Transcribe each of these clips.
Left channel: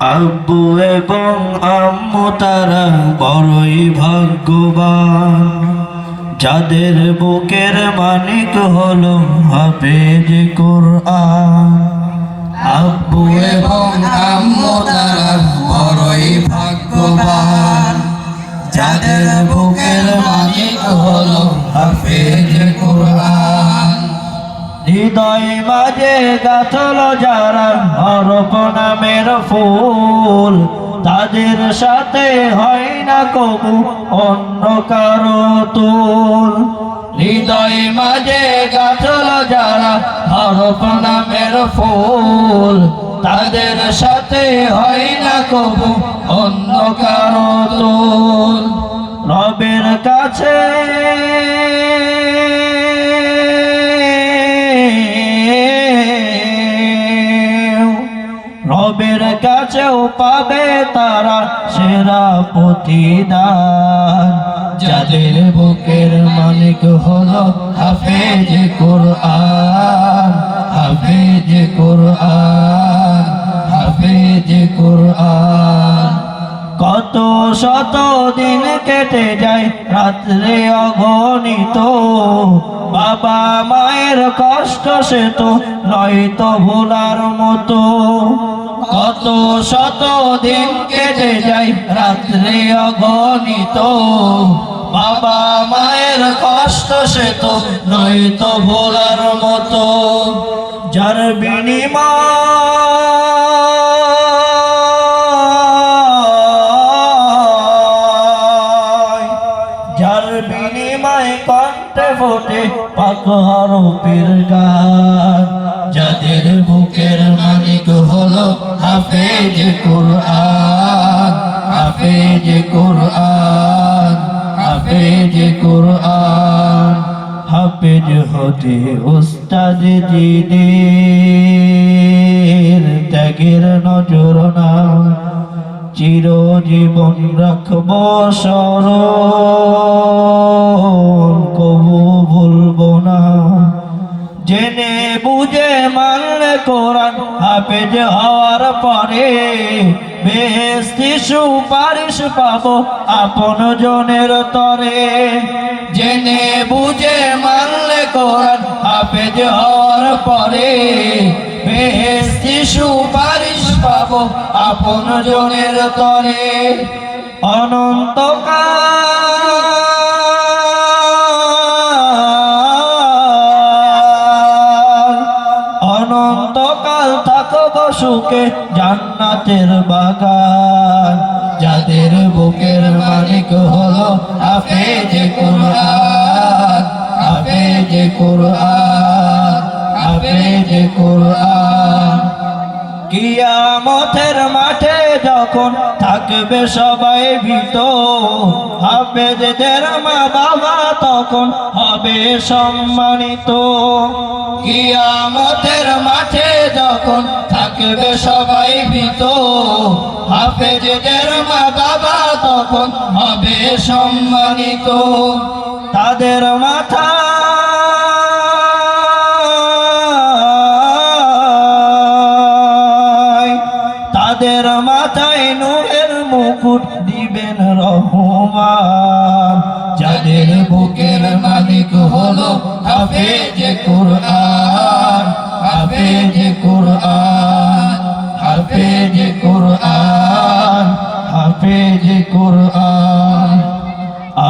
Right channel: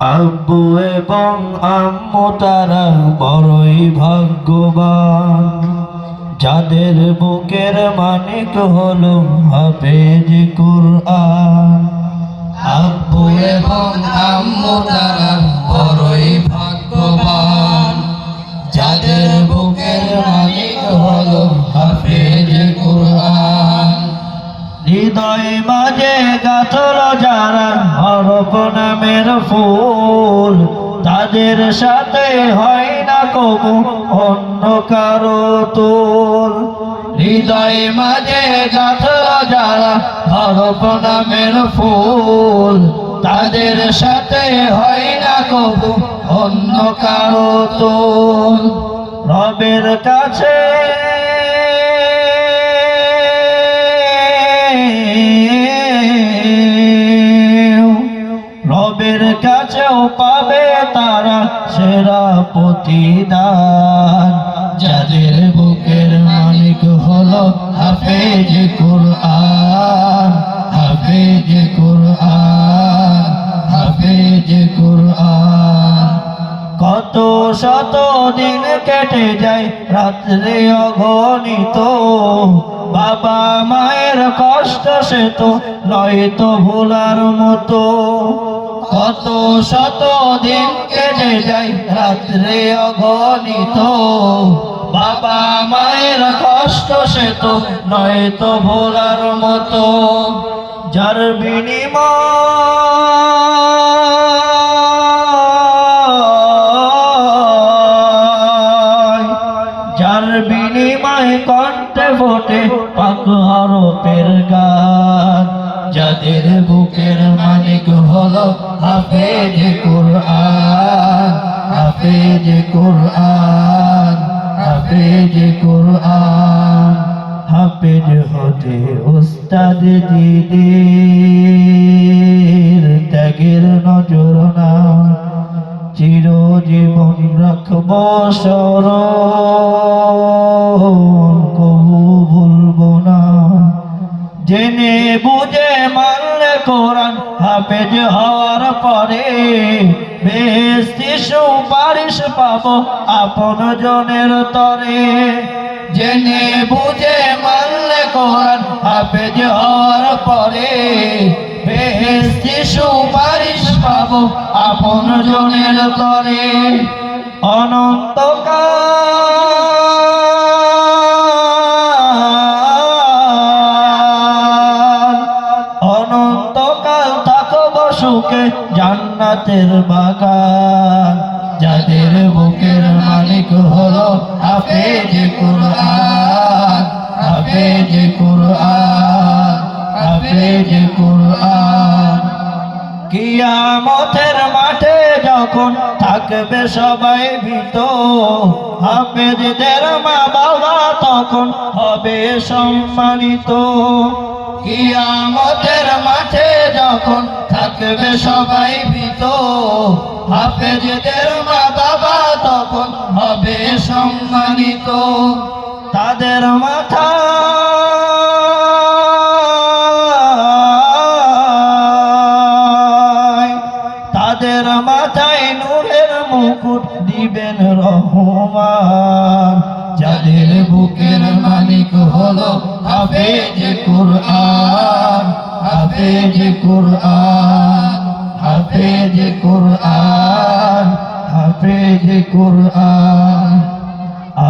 আব্বু এবং আম্মু তারা বড়ই ভাগ্যবান, যাদের বুকের মানিক হলো হাফেজ কুরআন। আব্বু এবং আম্মু তারা বড়ই ভাগ্যবান, যাদের বুকের মালিক হলো হাফেজ কুরআন। হৃদয়ে মাঝে গাথল যারা হরফ নামের ফুল, তাদের সাথে হয় না কবু অন্য কারো তুল। হৃদয়ে মাঝে গাঁথল যারা হরফ নামের ফুল, তাদের সাথে হয় না কবু অন্য কারো তুল। রবের কাছে রবের কাছেও পাবে তারা সেরা প্রতিদান, যাদের বুকের মালিক হলো হাফেজ কুরআন, হাফেজ কুরআন, হাফেজ কুরআন। কত শত দিন কেটে যায় রাত্রে অগণিত, বাবা মায়ের কষ্ট সে তো নয়তো ভোলার মতো। কত শত দিন কেটে যায় রাত্রে অগণিত, বাবা মায়ের কষ্ট সে তো নয়তো ভোলার মতো। যার বিনিময় কণ্ঠে ফোটে পাক হরফের গান, যাদের বুকের মালিক হলো হাফেজ কুরআন, হাফেজ কুরআন, হাফেজ কুরআন। হাফেজ হতে উস্তাদ দিনের ত্যাগের নজর না, চিরজীবন রাখবো স্মরণ, কবু ভুলবো না। জেনে বুঝে মানলে কোরআন হাফেজ হওয়ার পরে, বেহেশতি সুপারিশ পাবো আপন জনের তরে। জেনে বুঝে মানলে কোরআন হাফেজ হওয়ার পরে, বেহেশতি সুপারিশ পাবো আপন জনের তরে। অনন্তকাল থাকবো সুখে জান্নাতের বাগান, যাদের বুকের মালিক হলো হাফেজ কুরআন, হাফেজ কুরআন, হাফেজ কুরআন। কিয়ামতের মাঠে যখন থাকবে সবাই ভীত, হাফেজদের মা বাবা তখন হবে সম্মানিত। কিয়ামতের মাঠে যখন থাকবে সবাই ভীত, হাফেজদের মা বাবা তখন হবে সম্মানিত। তাদের মাথা তাদের মাথায় নূরের মুকুট দিবেন রহমান, যাদের বুকের মালিক হলো হাফেজ কুরআন, হাফেজ কুরআন, হাফেজ কুরআন, হাফেজ কুরআন।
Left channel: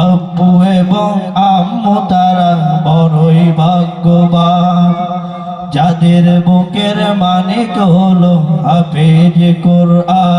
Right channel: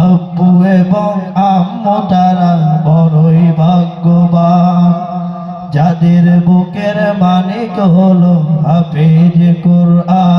আব্বু এবং আম্মু তারা বড়ই ভাগ্যবান, যাদের বুকের মানিক হলো হাফেজ কুরআন।